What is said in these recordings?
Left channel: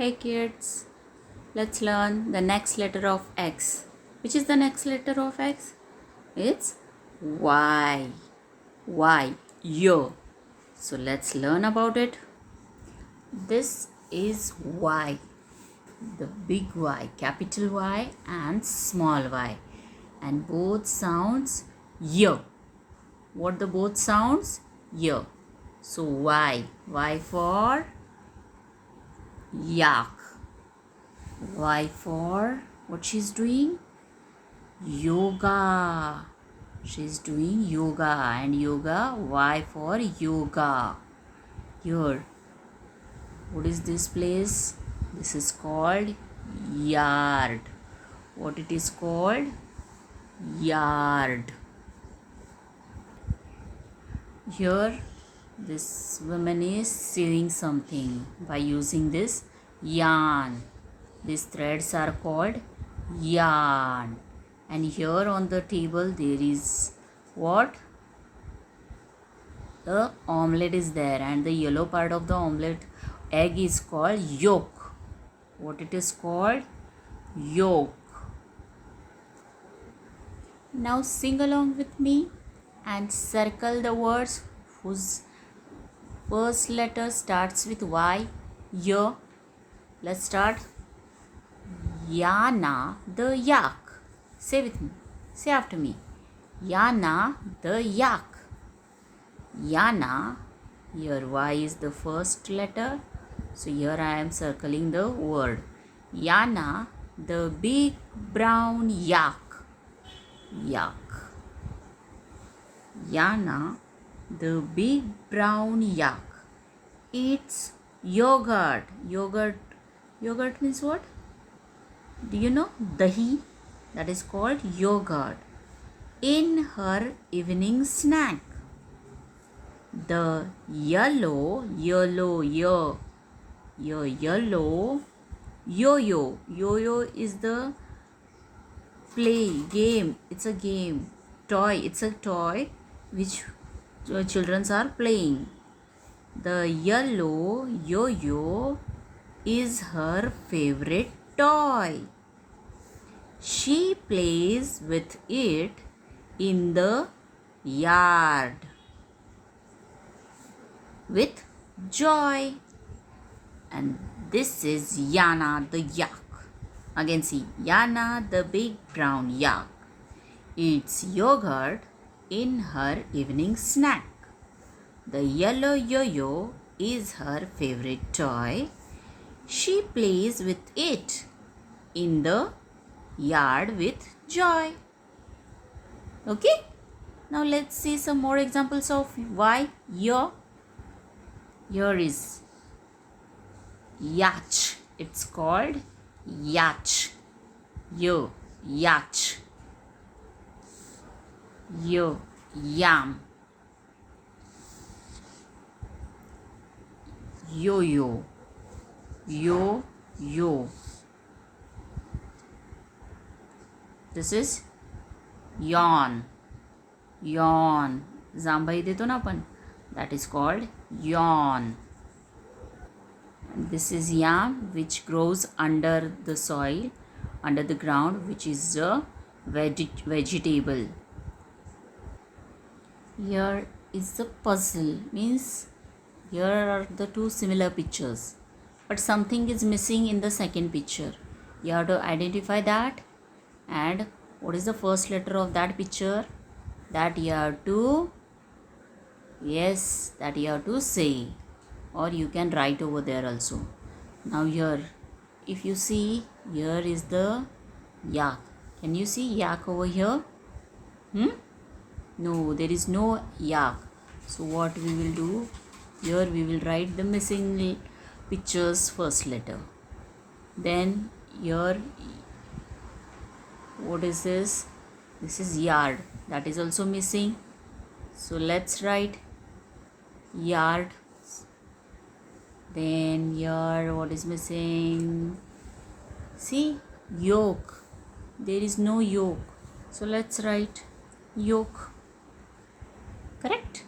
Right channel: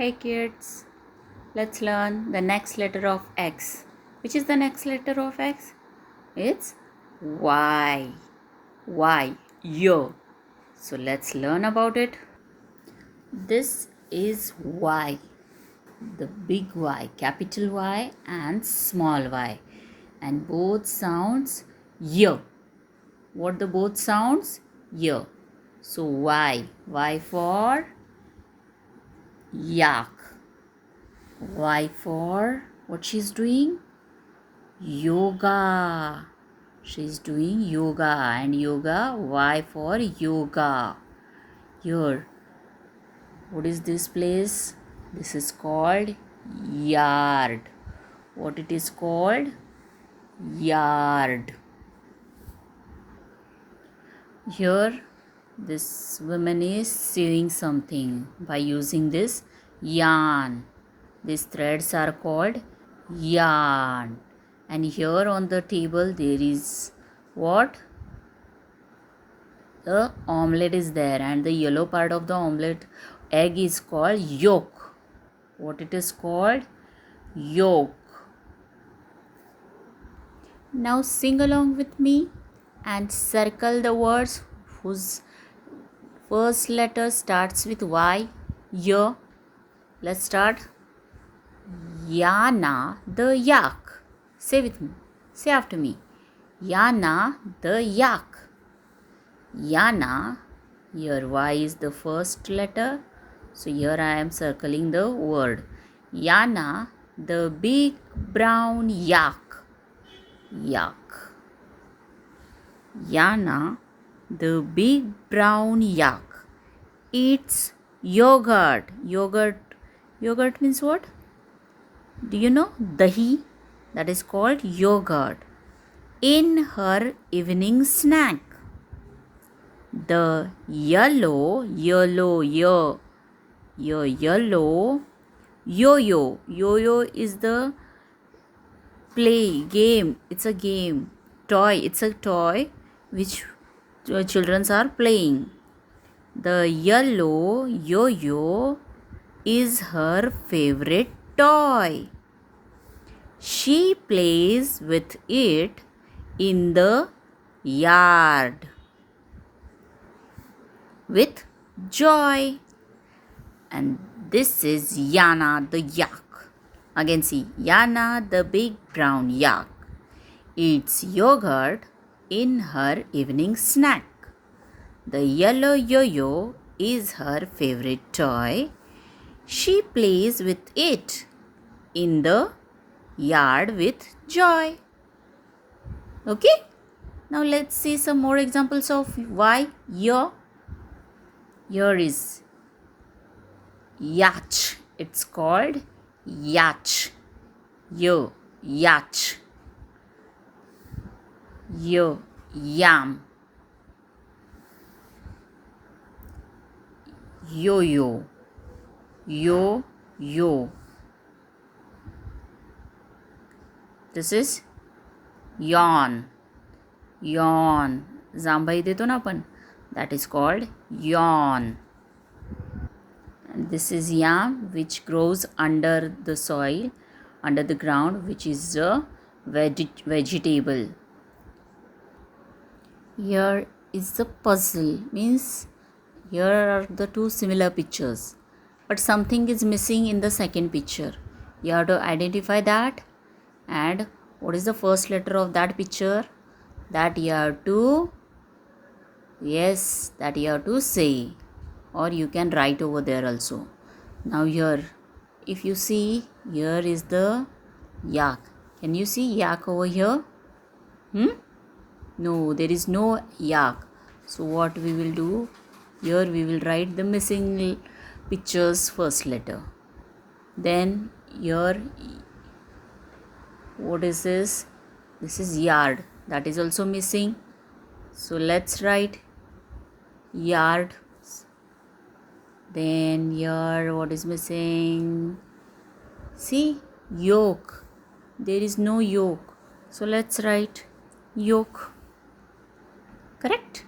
Hey kids, let's learn the next letter of X. Which is the next letter of X? It's Y. Y. Yo. So let's learn about it. This is Y. The big Y, capital Y and small y. And both sounds yo. What the both sounds? Yo. So Y. Y for yak. Y for what she's doing? Yoga. She's doing yoga and yoga. Y for yoga. Here, what is this place? This is called yard. What it is called? Yard. Here, this woman is sewing something by using this yarn. These threads are called yarn. And here on the table there is what? The omelette is there, and the yellow part of the omelette egg is called yolk. What it is called? Yolk. Now sing along with me and circle the words whose first letter starts with Y. Y. Let's start. Yana the yak. Say with me. Say after me. Yana the yak. Yana. Here Y is the first letter. So here I am circling the word. Yana the big brown yak. Yak. Yana the big brown yak eats yogurt. Yogurt means what? Do you know? Dahi. That is called yogurt. In her evening snack. The yellow yo-yo. Yo-yo is the play game. It's a game. Toy. It's a toy which children are playing. The yellow yo-yo is her favorite toy. She plays with it in the yard with joy. And this is Yana the yak. Again see, Yana the big brown yak eats yogurt in her evening snack. The yellow yo-yo is her favorite toy. She plays with it in the yard with joy. Okay? Now let's see some more examples of why. Yo. Here is yacht. It's called yacht. Yo. Yacht. Yo. Yam. Yo-yo. Yo-yo. This is yawn. Yawn. जांभई देतो ना आपण. That is called yawn. And this is yam, which grows under the soil, under the ground, which is a vegetable. Here is the puzzle. Means here are the two similar pictures, but something is missing in the second picture. You have to identify that, and what is the first letter of that picture? That you have to, yes, that you have to say, or you can write over there also. Now here, if you see, here is the yak. Can you see yak over here? No, there is no yak. So what we will do? Here we will write the missing picture's first letter. Then here, what is this? This is yard. That is also missing. So let's write yard. Then here, what is missing? See, yolk. There is no yolk. So let's write yolk. Correct?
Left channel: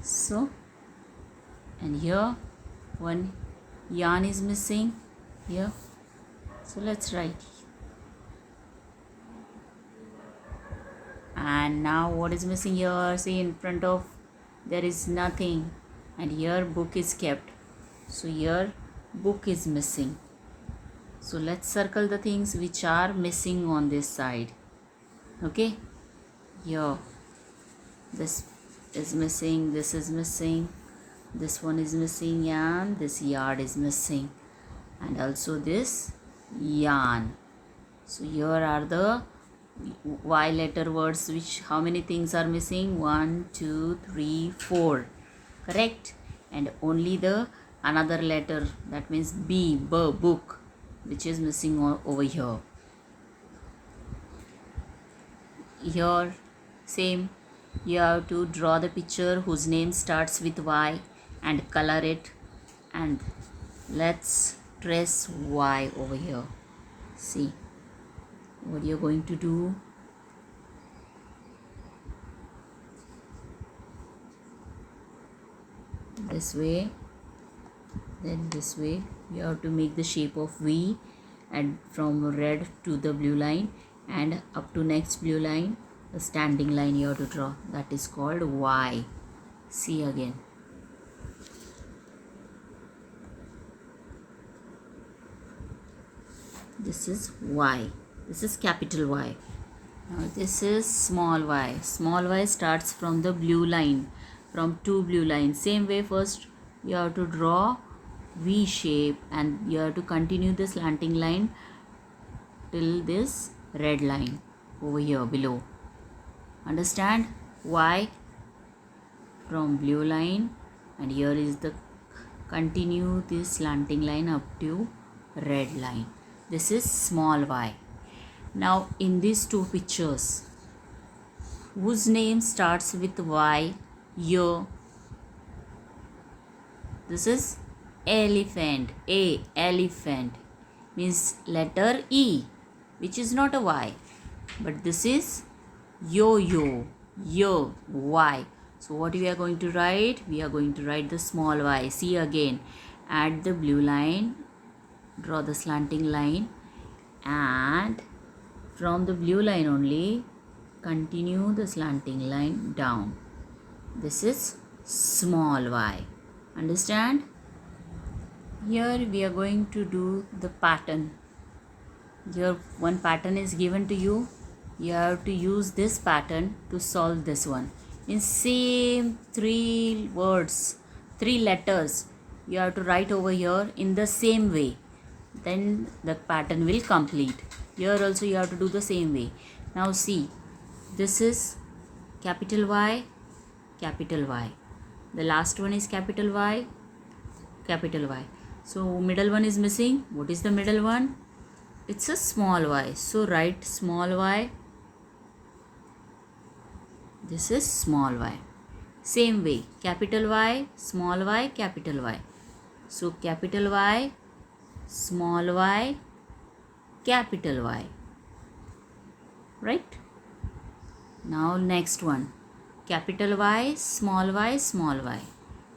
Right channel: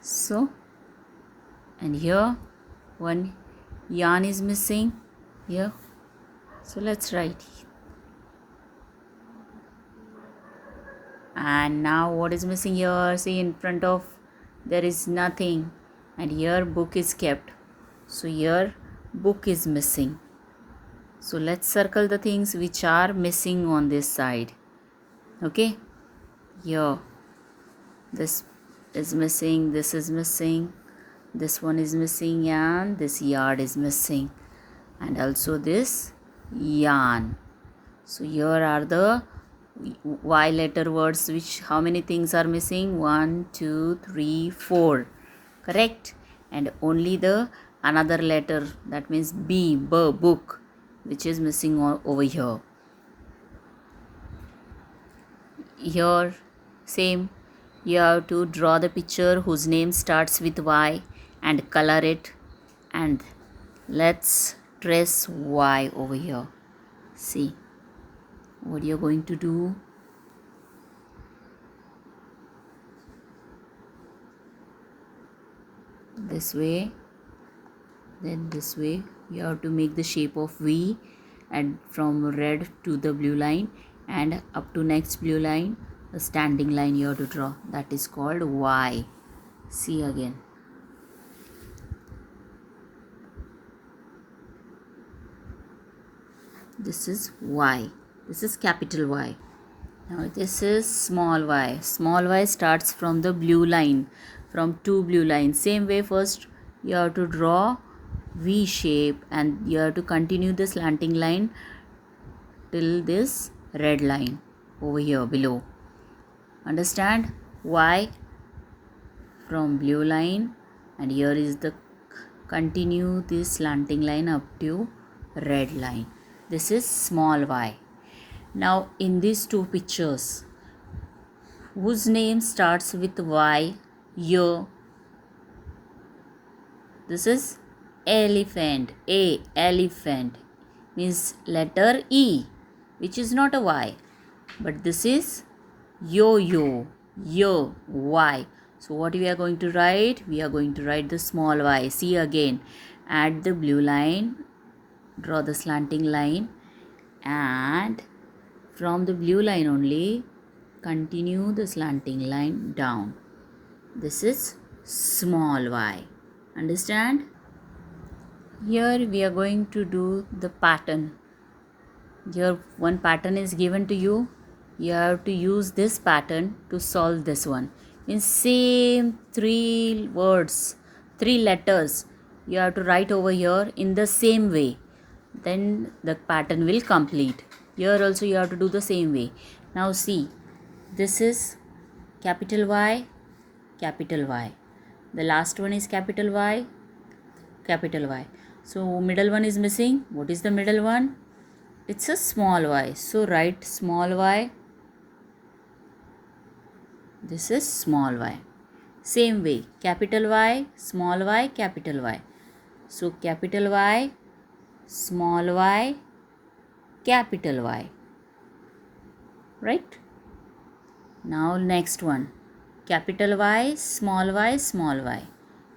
So, and here one Yarn is missing here. So let's write. And now what is missing here? See, in front of there is nothing, and here book is kept. So here book is missing. So let's circle the things which are missing on this side. Okay, here this is missing, this is missing, this one is missing, and this yard is missing, and also this yarn. So here are the Y letter words, which how many things are missing? 1, 2, 3, 4. Correct? And only the another letter, that means B, book, which is missing over here. Here same, you have to draw the picture whose name starts with Y and color it, and let's trace Y over here. See what you're going to do. This way, then this way. You have to make the shape of V, and from red to the blue line and up to next blue line, the standing line you have to draw. That is called Y. See again. This is Y. This is capital Y. Now this is small y. Small y starts from the blue line, from two blue lines. Same way, first you have to draw V shape, and you have to continue the slanting line till this red line over here below. Understand? Y from blue line, and here is the continue this slanting line up to red line. This is small y. Now in these two pictures, whose name starts with Y here? This is elephant. A, elephant, means letter E, which is not a Y, but this is yo-yo, yo, Y. So what we are going to write? We are going to write the small y. See again, add the blue line, draw the slanting line, and from the blue line only continue the slanting line down. This is small y. Understand? Here we are going to do the pattern. Here one pattern is given to you. You have to use this pattern to solve this one. In same three words, three letters, you have to write over here in the same way. Then the pattern will complete. Here also you have to do the same way. Now see, this is capital Y, capital Y. The last one is capital Y, capital Y. So middle one is missing. What is the middle one? It's a small y. So write small y. This is small y. Same way, capital Y, small y, capital Y. So capital Y, small y, capital Y. Right? Now next one, capital Y, small y, small y.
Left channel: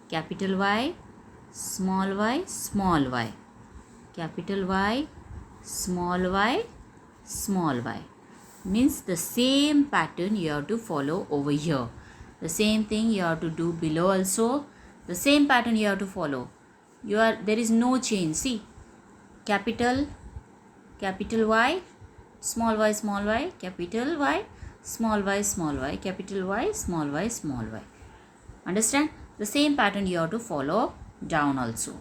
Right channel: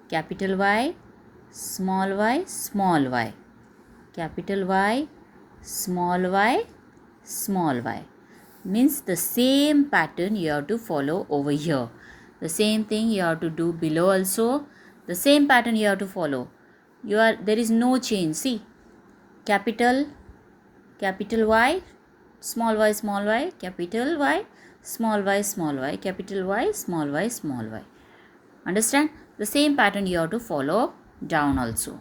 Capital Y, small y, small y. Capital Y, small y, small y. Means the same pattern you have to follow over here. The same thing you have to do below also. The same pattern you have to follow. There is no change. See, capital Y, small y, small y, capital Y, small y, small y, capital Y, small y, small y. Understand? The same pattern you have to follow down also.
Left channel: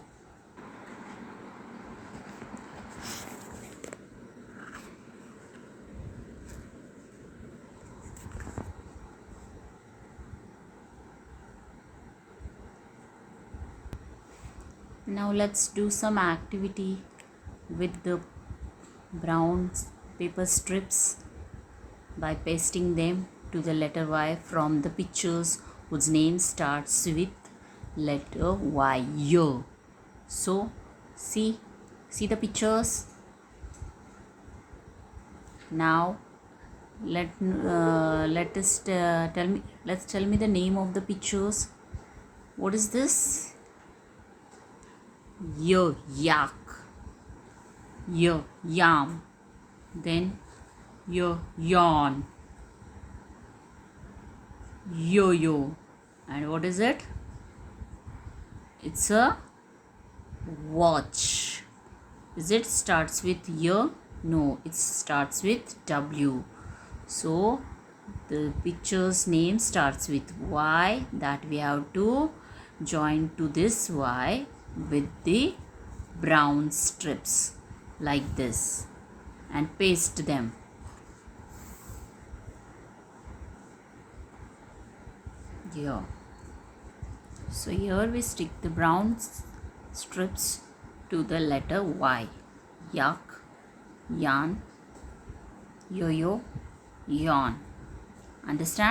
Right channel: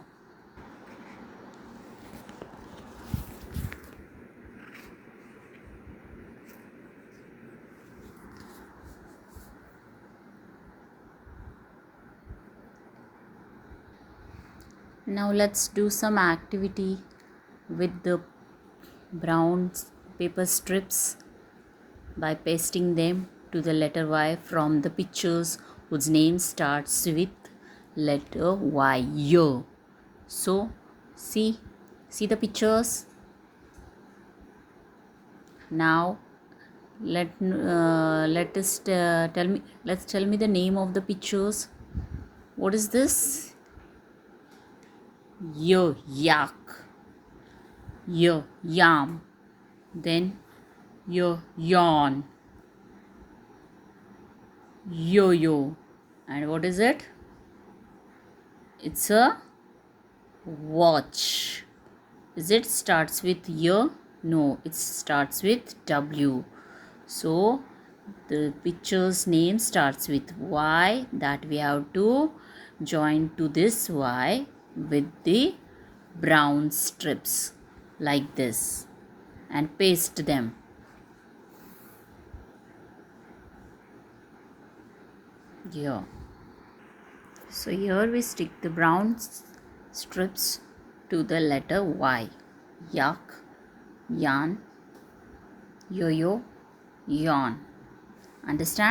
Now let's do some activity with the brown paper strips by pasting them to the letter Y from the pictures whose name starts with letter Y. Yo. So see the pictures. Now let's tell me the name of the pictures. What is this? Y, yak. Y, yam. Then yawn. Yo-yo. And what is it? It's a watch. Is it starts with Y? No, it starts with W. So the picture's name starts with Y, that we have to join to this Y with the brown strips like this and paste them. Here. So here we stick the brown strips to the letter Y. Yak, yarn, yo-yo, yawn. Understand?